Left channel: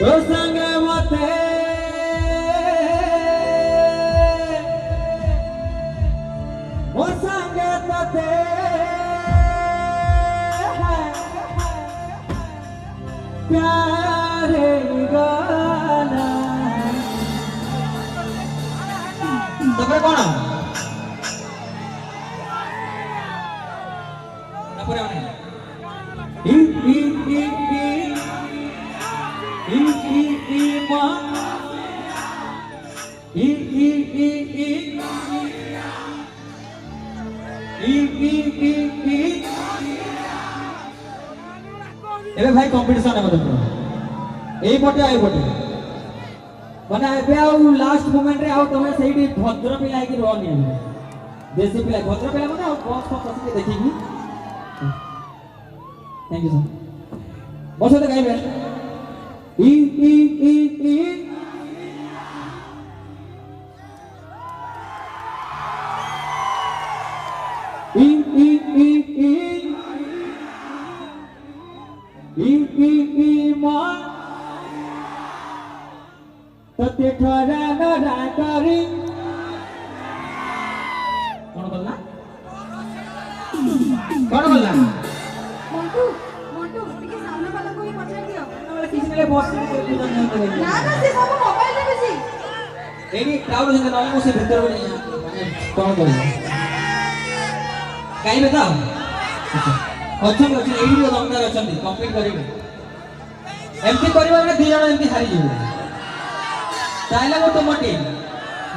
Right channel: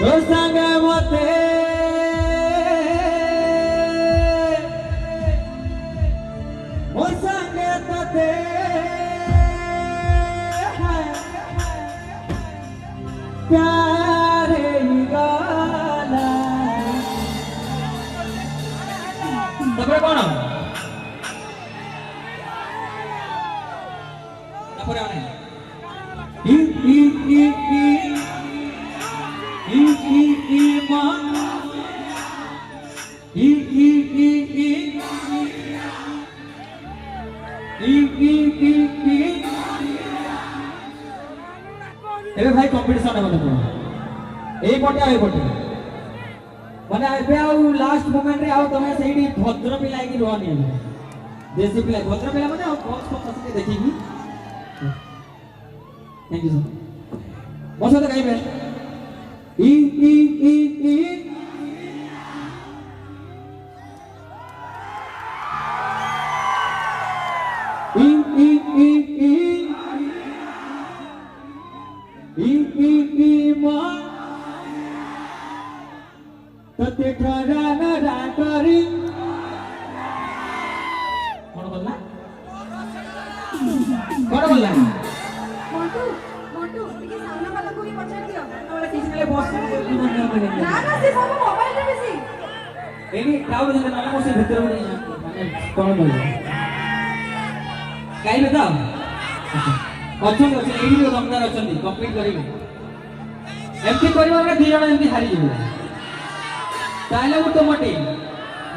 तो संगे मते ओ संगे तते प्यारे गाना तबरे कौन तबरे आने ई ई ई ई ई मा ई ई ई ई एबे भाई कंपटीशन है मतलब एई पटे आई पटे माने एबे आउ लास्ट मोमेंट रे आउ तमे सेही भद्र पे लागी रहनी देसी पे भद्र पे माने बॉक्स को कसके देखिबी थैंक यू सर बस तो गाइबे ई ई ई ई ई ई ई ई ई मा तते ठरा न राकरी कोन बोलला मोटू मोटू ଟିକେ ସାମ୍ନା ବାଲାକୁ ବି ପଚାରି ଦିଅ ତମେ କିଛି ବେଳେ ବସ ନା ନା ସେ ସବୁ ମୋବାଇଲ ରେ ବେଶୀ ଏଇ କ୍ରାଉଡ ଯେତେ ନଲା ମୁଁ ସେ ଭିତର କୁ ଯାଇ कोन बोल କାଇବେ ତ ଅଛନ୍ତି ଅଛନ୍ତି ଏଇଠି ତ ଦମଦାର ଅଛନ୍ତି କମ୍ପ୍ଲିଟ କରିବେ ଏମିତି କରିବା ଗୋଟେ ଦି ଜଣ ଏମିତି ହାରିଯିବେ ତାହେଲେ ମୁଁ ତୁମ ଟିମ୍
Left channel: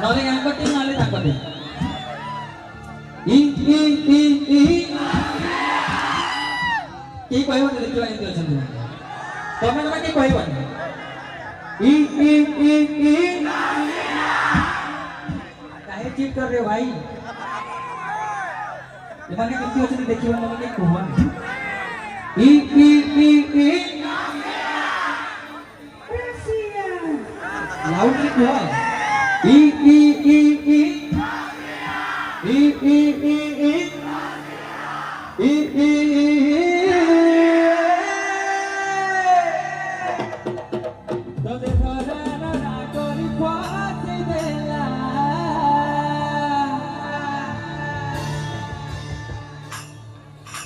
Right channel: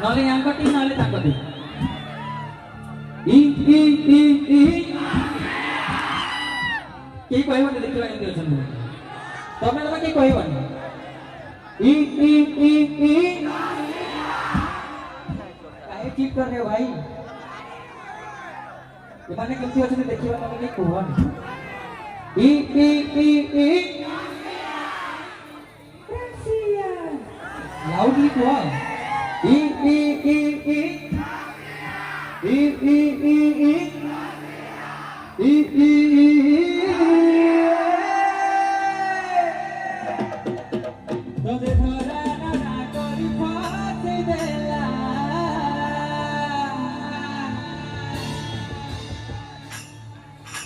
ନହେଲେ ୟାଙ୍କ ଟିମ୍ ନହେଲେ ତାଙ୍କ ଟିମ୍ ଇ ଇ ଇ ଇ କେହି କହିବନି ଦେଖିବା କେମିତି ଅଛନ୍ତି ତମେ କେହି କହିବନି ଇ ଇ ଇ ଇ କାहे ଚିଟ୍ କର ରେ ଭାଇ ଏମାନେ କେମିତି ଅଛନ୍ତି ଦେଖିବା ନହେଲେ କେହି କୁହନି ଇ ଇ ଇ ଇ लाउडली कहो ई ई ई ई ई ई ई ई ई ई तो देखो ना करी पास देला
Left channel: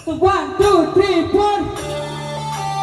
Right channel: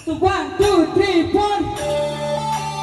तो 1 2 3 4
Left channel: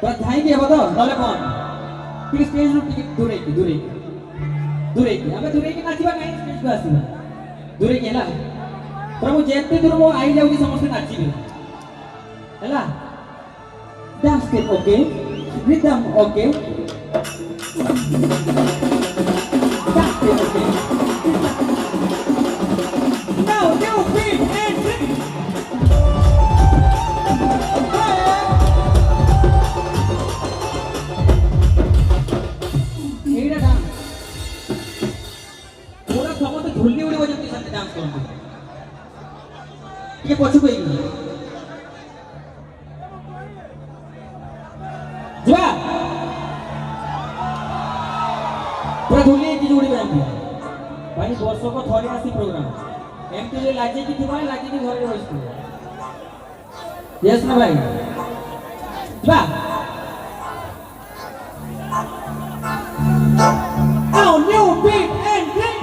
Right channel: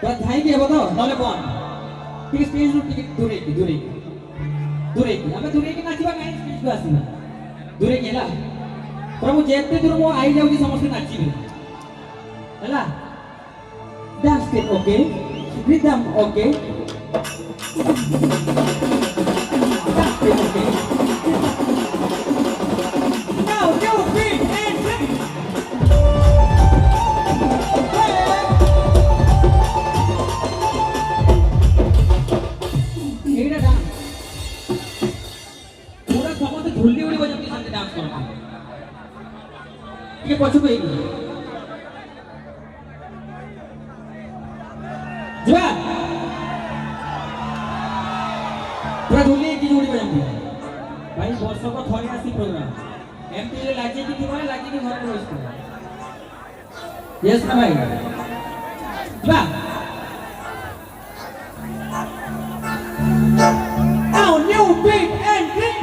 ପୁରା ଧାଇକି ହେବ ତ ନହେଲେ କଣ ଟିକେ ଷ୍ଟେଜରୁ ଟିକେ ଦୂରେଇକି ଦୂରେଇକି ଦୂରେଇକି ଆମେ ଦୂରେଇକି ନାଚିବା କାହିଁ ଷ୍ଟେଜକୁ ଆସିବା ଦୂରେଇକି ହେଲା ପୁରା ମୁଁ ଯେତେ ଦୂର ମୋ ଆଇ ଯାଉଛି ସମସ୍ତେ ନାଚିବେ ହେଲା dance step okay rhythm okay dance step okay now new beat and ଏଇଟା ଡାନ୍ସ ପୁରା ସମସ୍ତେ ଝୁଲି ଉଡ଼ିବ ଯେମିତି ସେମିତି ଡାନ୍ସ କରନ୍ତୁ ଟିକେ ପଛକୁ ହେଇକି ଯିବା ପୁରା ଝୁଲି ହେଇକି ଉଡ଼ିବେ ଏମିତି ଭାଇ ବର୍ଷକୁ ଥରେ ଆସି ପ୍ରୋଗ୍ରାମ ଏମିତି ଲାଗିକି ଥିବ ଲାଗିକି ଘରେ ବସିଥିବ ୟେସ୍ ନା ଭାଇ ଯିବା now new beat and drink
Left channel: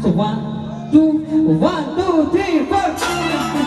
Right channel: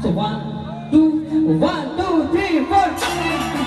So 1, 2, 1, 2, 3, 4.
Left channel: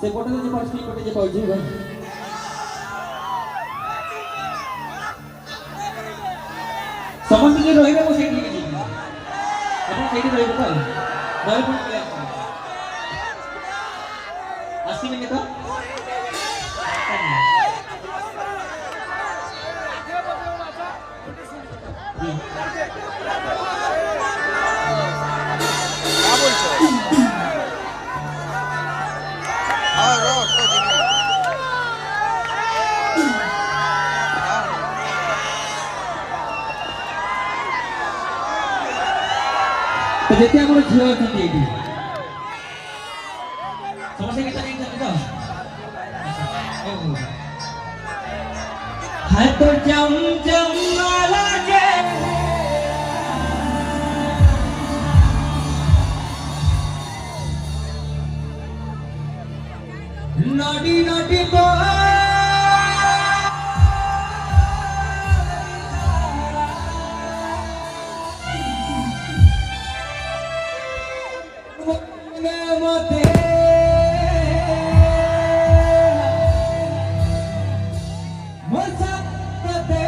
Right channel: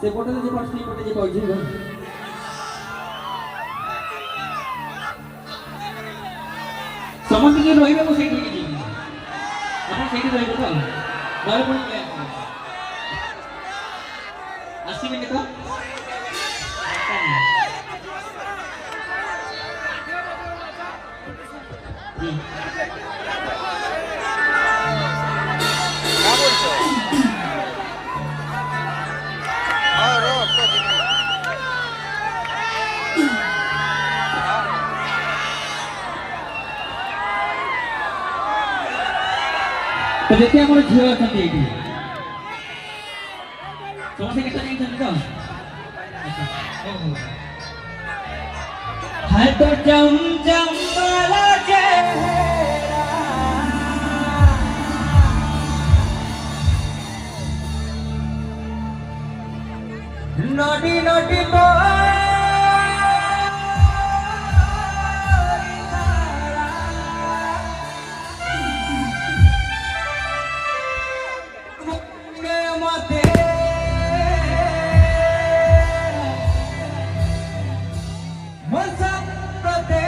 से पटे जो पर्सनल पटे जे कहै छी समस्त जो रहिबे को सेठी जी अपन सेठी रहिबे तो रहि पड़ आसीबे तो क्या बोलছো हाँ रो तो जी हाँ तो जेते हमर झियो अछंती एठी समस्या केटा नहीं छथि तो हाय तो जम जम लागे नडी नडी तो मते मसप्रते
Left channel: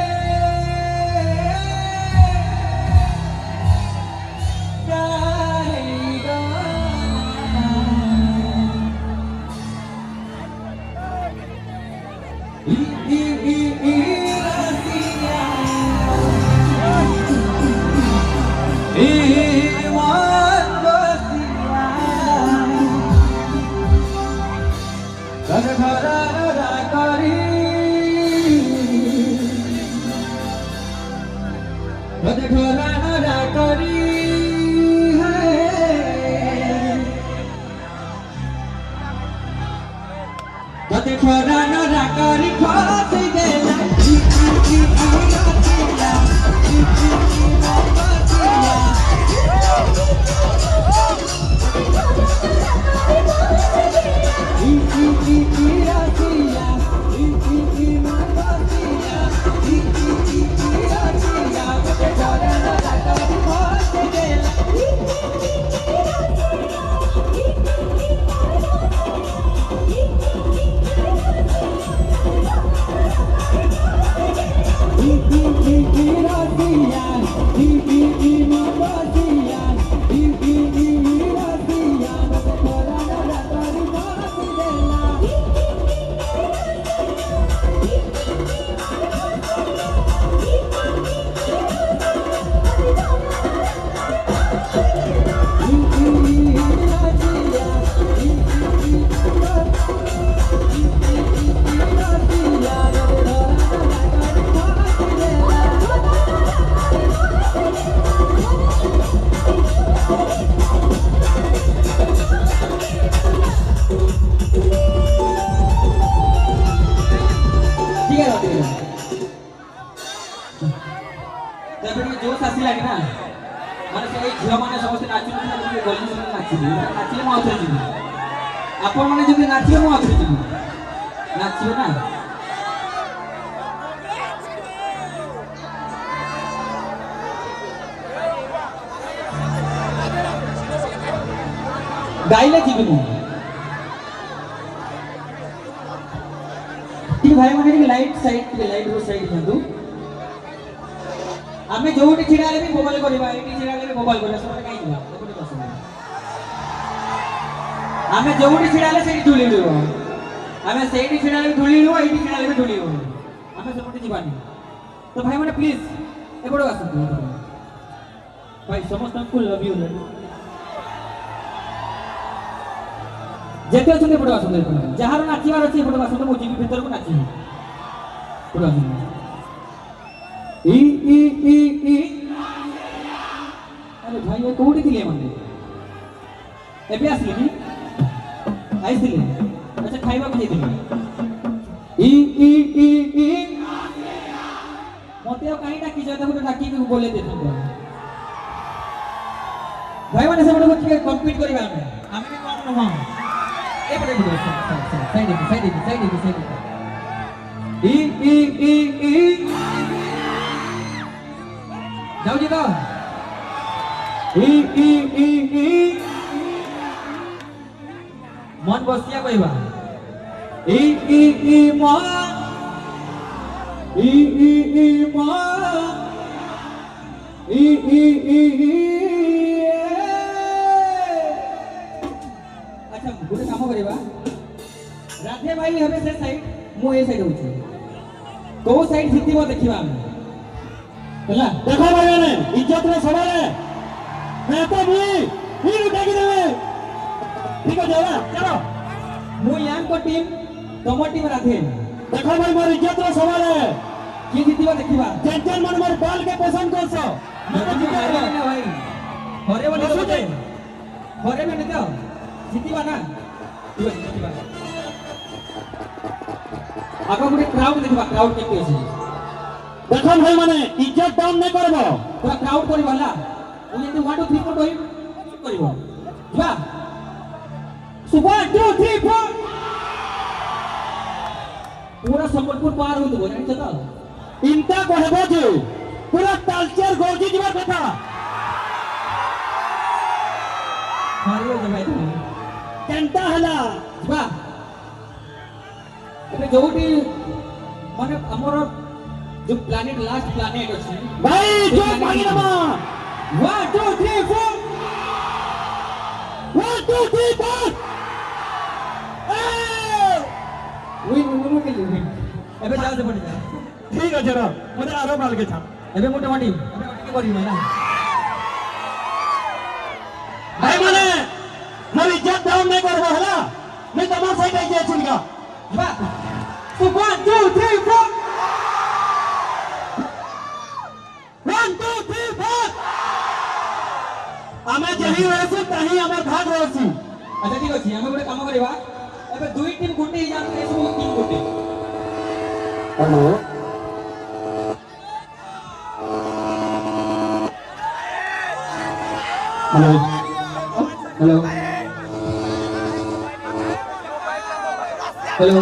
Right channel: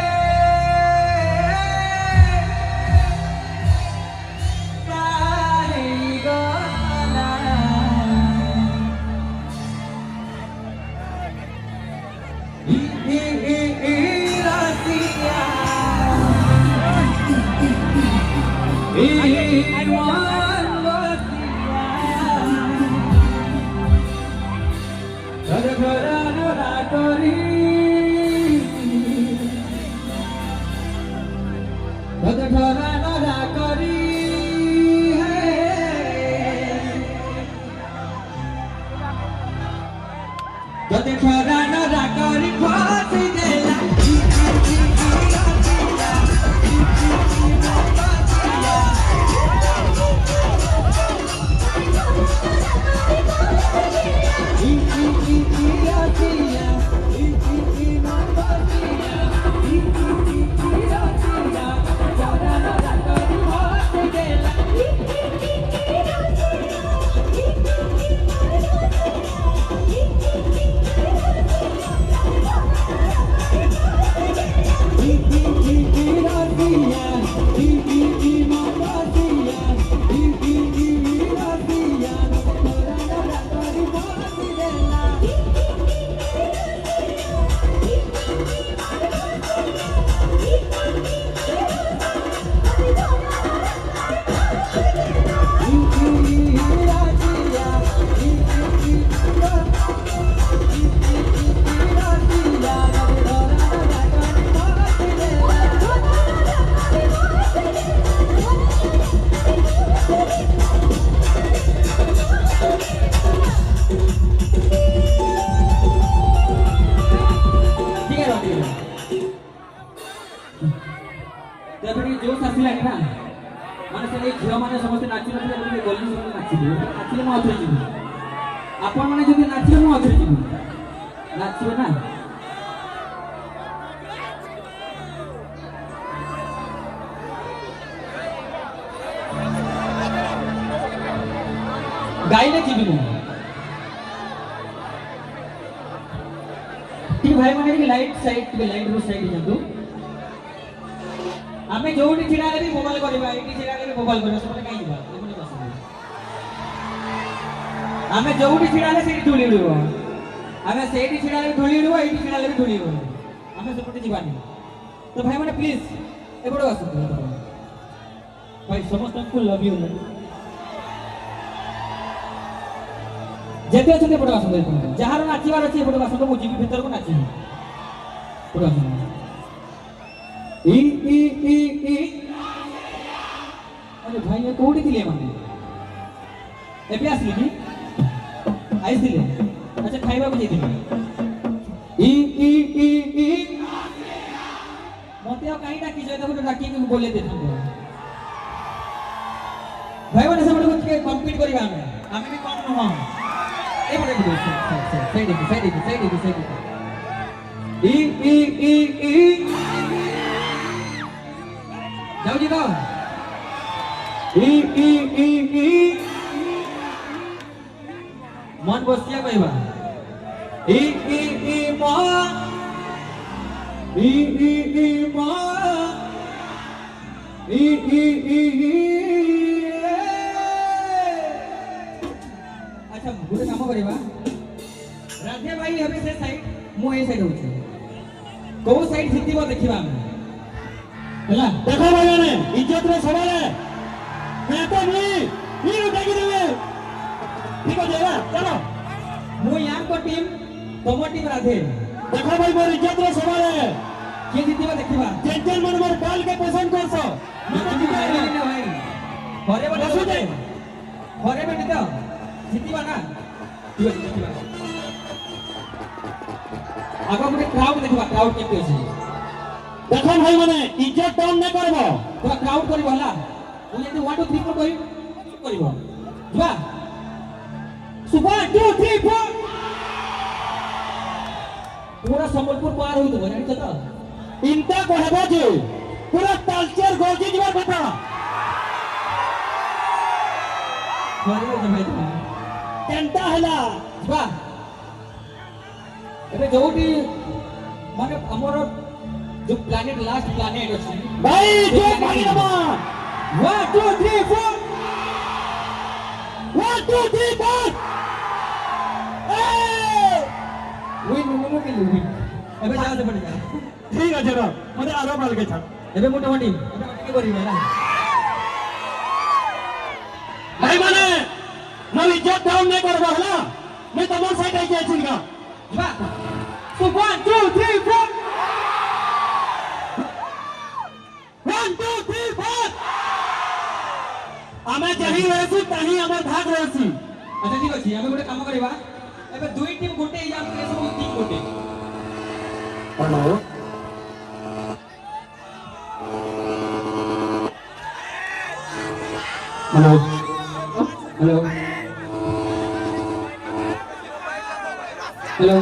जोश आसला ना माने से झियो माने समस्त नाचु नथि बोली नाचिबे नाचिले म अथरे जिबी आपण माने जदि नाचिले म अथरे जिबी नाचिबे ना गाइले जिबी नहीं ठीक भाई माने के लाइट रो साइड जंतु आमे जोटी छिड़ा ले मोबाइल करबा एटी छिड़ा ले मोबाइल करबा सब कहीं हुआ आमे जोटी छिड़ा ले सेठी धुली लियो आमे सेठी छिड़ा ले धुली लियो एटी छिड़ा ले धुली लियो आमे सपोर्ट जीवानी तो भाई माने प्लीज ए बडो आसु भाई समस्त को लव यू जेते अछते बडो आसु जहार नाचिबार अछि बडो आसु तो मुजी भीतर को नाचि बडो आसु ई अरे भाई ये कोडी थिले माने एबे आसली नी आइसिले अच्छा खाइबा को जेतिले ई मते काई डाकी जय देखो डाकी के बोले दे भाई माने सब लोग के कंप्लीट करबा हमें भी कम न हो ए बड़े साइड ई जाओ जी जाओ ई मन बसिया कहबा ই ই ই মা ই ই ই মা ই ই ই ই আচ্ছা গোটে কাম করিবা রাধে ভাই হবে সে সাইড মু এই সাইড হচ্ছে তো সাইড জিতিব দেখিবা আমি ହେଲା देखो भाई ने इज्जत रे सवाल है मैं तो नहीं उठा के देवे ठीक हो जाएगा चलो मु यांको टीम तम टीम राधे देखो भाई मोर इज्जत रे सवाल है किए जितिब देखिबा जेंटलमैन मोर बॉल के पसंद करसो भाई घरे बोले बोले घरे में नहीं तो जितिबा ना ठीक है जितिबा आगो गोटे क्राउड देखिबा क्राउड केते अछि देखो भाई माने इज्जत डाउन नहीं करबो पूरा क्राउड करिबो हला उ यदि 1 2 3 4 कहि करिबो जा सुबह 2 3 4 पूरा संबलपुर पार होई तो जानि त इनता कहबो जे पूरा कल्चर गोजी जीवा कथा घरे हो भाई तुम केंटा हला जा एबे जोटी माने हमर जो प्लैनेट लास्ट प्लैनेट अछि भाई जो भाई नमा 1 2 3 4 1 2 3 4 विन विन के विन एबे जाओ से पड़ जा ठीक है जरा मते आराम डाल के छा एबे मोटे मोटी एबे के करी ना भाई माने मोर इज्जत डाउन नहीं करबो हला नहीं तमार साइड आई जाय छिनका वाह तो 1 2 3 4 1 2 3 4 आमे जही रहसी ताही हमर भाग रहसी अच्छा ठीक अछि हमें गोटे काम करबा एबे दुई टीम गोटे जान के सब टीम गोटे हेलो हेलो हेलो हेलो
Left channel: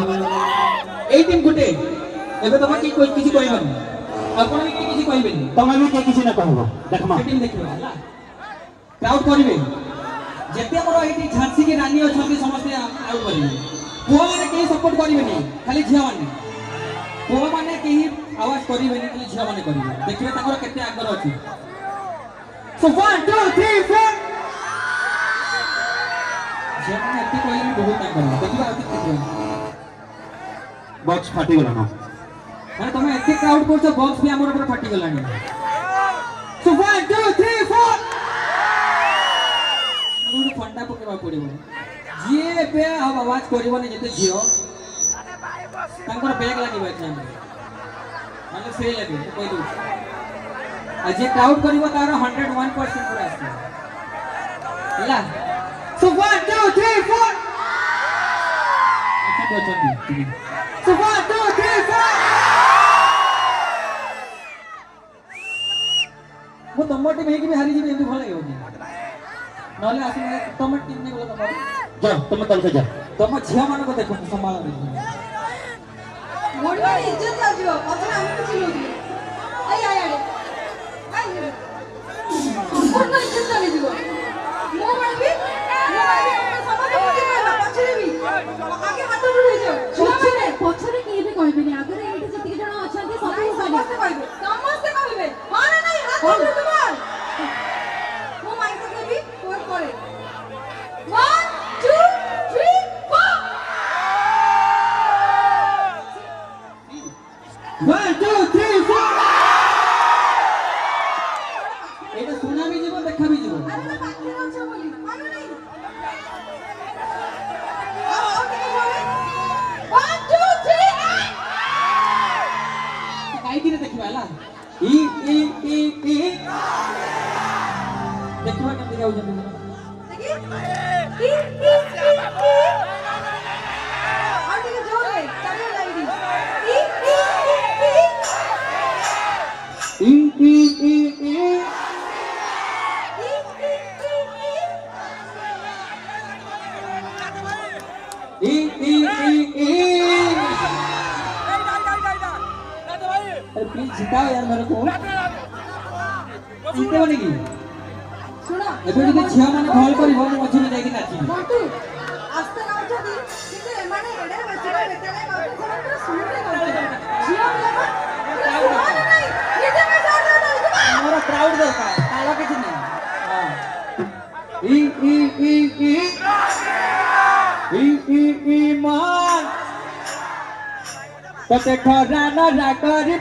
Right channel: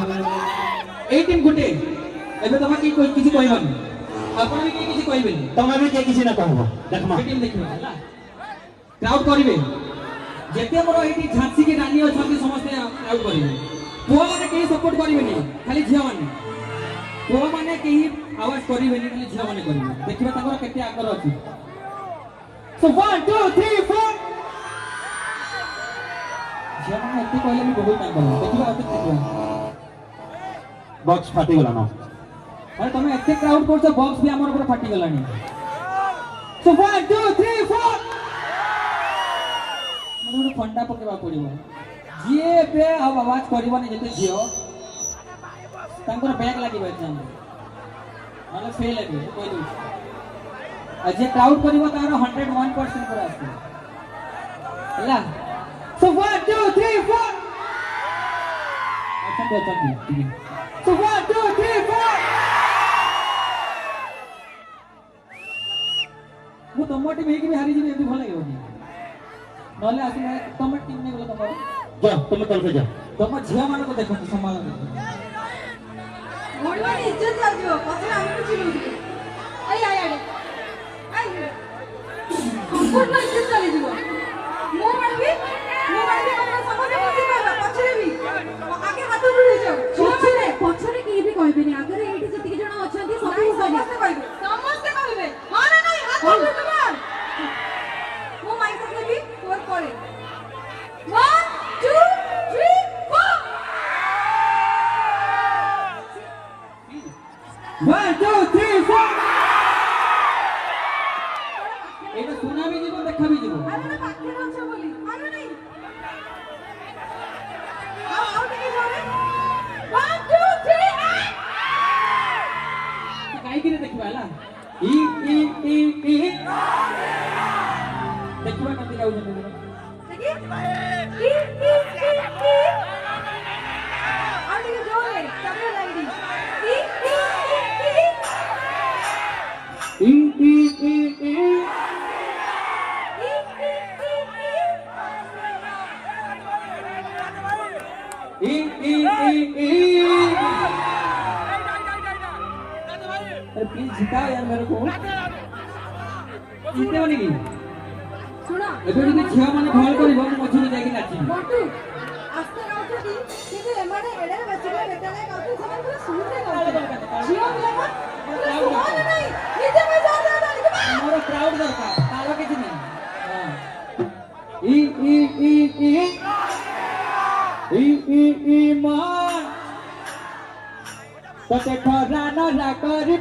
ए टीम गोटे एबे तम की कोई किछि कहबन अपन भी किछि कहबेनी तमे भी के किसी न कहबो देखमा टीम देखियो ହେଲା क्राउड करिवे जेते हमर एठी झांसी की रानी अछंती समस्त आउट करिवे पुआ माने के सपोर्ट करिवेनी खाली झिया माने पुआ माने के आवाज करिवेनी खाली झिया माने करिवे देखिबे ताकर केते आगर अछि सो 1 2 3 4 झिया माने एते कहले मी बहुत आगर देखिबा अते देखिबा बॉक्स फाटी गला ना अरे तुम एते क्राउड करछ बॉक्स भी हमर ऊपर फाटी गलानी सो 1 2 3 4 मुझे फंडा पकेबा पड़िबो जे पे अब आवाज करिवनी जते जियो तांकर बैग लागिबा एग्जाम मतलब फेल हेबे कोइ दू आ जे क्राउड करिवो तार 101% पूरा आसे हला सो 1 2 3 4 अच्छा तो अच्छा सो 1 2 3 4 वो तम टीम हेकी भी हारी जीबे एमती भल लागेबो कि नले आसले तम टीम ने गला तमर जा तुम तल के जा तम झिया माने को देखो संभाल देखो मोर में इज्जत जाजियो पथरे हम कुछ नहीं आई आई आई आई मोर को इज्जत चली जीवो मोर मानबी हमरा समझ बुद्धि करबा पछरे भी आगे हाथ उठे जाओ पछरे पछरे के भी कहबेनी आगरे एठी जति जण अछंती सब समस्त कहबे हां ना नहीं हाथ उठे तुम्हार मो माइक तक लेबी तोर करे 1 2 3 4 1 2 3 4 एटा सुना भी जीवो देखा भी जीवो अरे ना पाखरे अच्छा बोली मानो नहीं आओ ठीक है 1 2 3 काई दिने देखिबा ला ई ई ई ई देखिबा कते जाउ जने देखी ई और ये जोर है चलो लाइडी ई ई ई ई ई ई ई ई प्लीज जिताओ यार मेरे को इनके बनेगी सुना एबे যদি ঝিয়া মানে ভাল করিব মু মঝি যাই কি নাচি বন্ধু আস্তে নাও କହୁଛନ୍ତି କିନ୍ତୁ ଏମାନେ ଏଡ଼େ ବସିବା ବେତାଳିଆ ଗାଉଛନ୍ତି ସେମାନେ ପୁରା ସୁରରେ ଗାଉଛନ୍ତି ଝିଅ ପିଲାଟା ପୁରା ସୁହାନ ନାହିଁ ନିଜେ ପଇସା ଦେଉଛନ୍ତି ମୋର କ୍ରାଉଡ୍ ଦରକାର ତାଳ କିଛି ନାହିଁ ହଁ ଇ ଇ ଇ ଇ ଇ ମାନ ତତେ ଖରା ନା କରି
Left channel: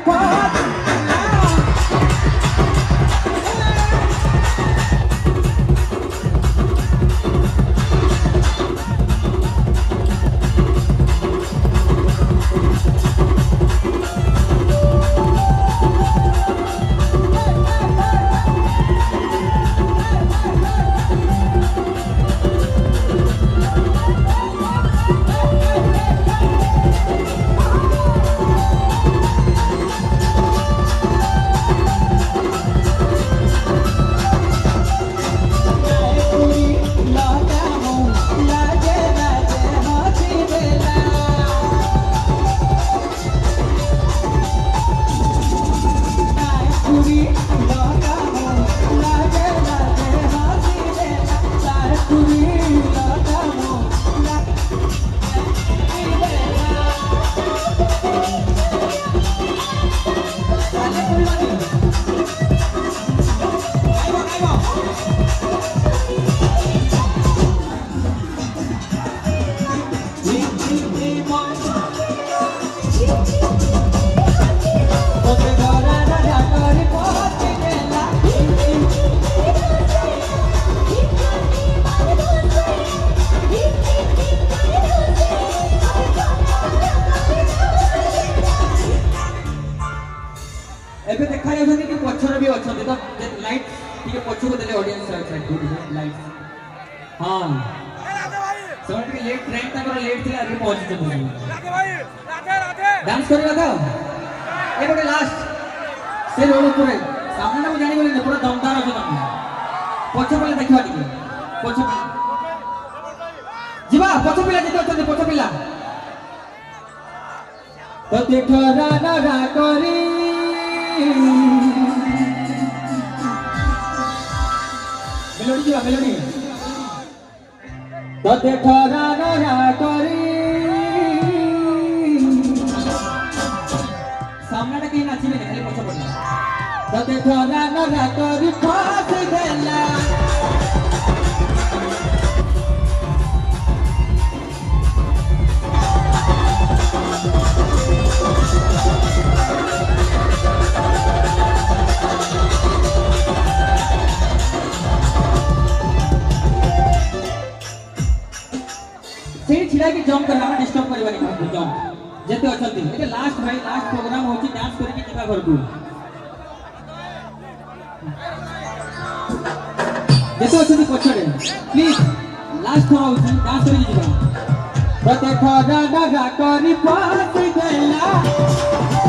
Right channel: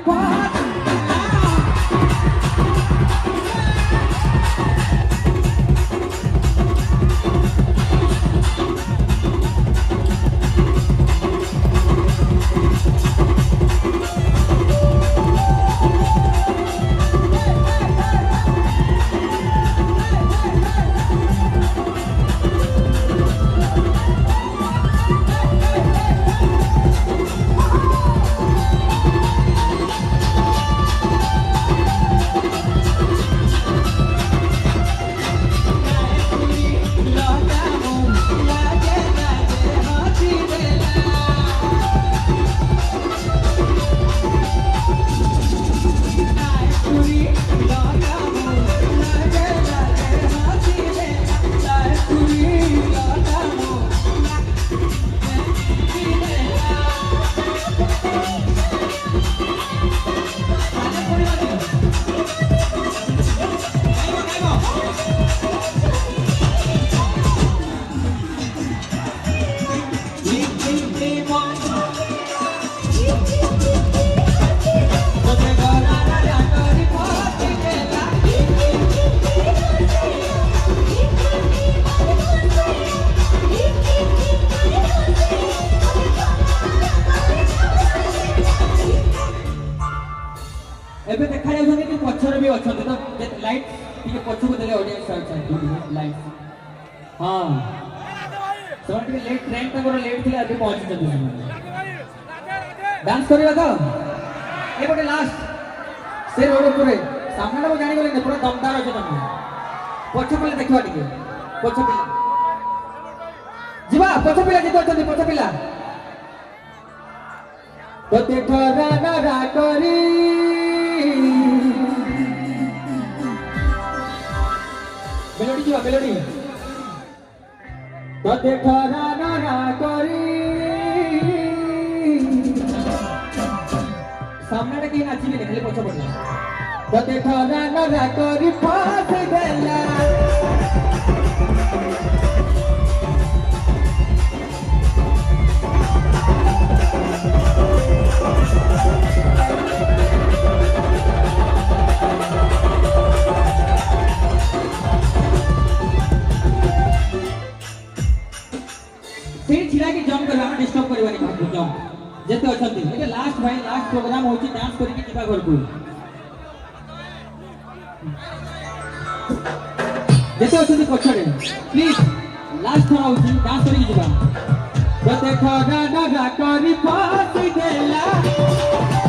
ଏବେ ଦେଖାଯାଉଛନ୍ତି କି ପଛରେ ବି ଅଛନ୍ତି ତ ଲାଇଟ୍ ଟିକେ ପଛକୁ ଦେଲେ ଅଡ଼ିଏନ୍ସ ଲାଇଟ୍ ହଁ ସେମାନେ ଟିକେ ଲେଟ୍ ଟ୍ରେନ୍ ତାଙ୍କର ଲେଟ୍ ଥିଲା ଏବେ ପହଞ୍ଚିଛନ୍ତି ଡ୍ୟାନ୍ସ କରିବା ତ ଏ ଗୋଟେ ଲାଷ୍ଟ ସେ ରୋଡ୍ ଉପରେ ସାମ୍ନାଟା ମୁଁ ଜାଣିଗଲିନି ପୁରା ଦମଦାର ଅଛ ତମେ ପଛ ପିଲା ଦେଖିବା ଟିକେ ପଛ ପିଲା ଯିବା ପଛ ପିଲା ଯେତେ ଅଛନ୍ତି ପଛ ପିଲା ତତେ ଖରା ନା କରି मेलोडी जीवा मेलोडी तते खरा ना करी सामनाटा के नाचिबे खाली पछ पड़ला तते खरा ना करी फासी देला छिड़ा की जंप करवा डिस्टर्ब करवानी काहू जंप जेते अछंती एटे लास्ट भाई लास्ट प्रोग्राम होची डांस करके जीवा घर को जेते अछंती पछड़े प्लीज लास्ट थोड़ा होची डांस करके जीवा तते खगा गगा करी फासी देला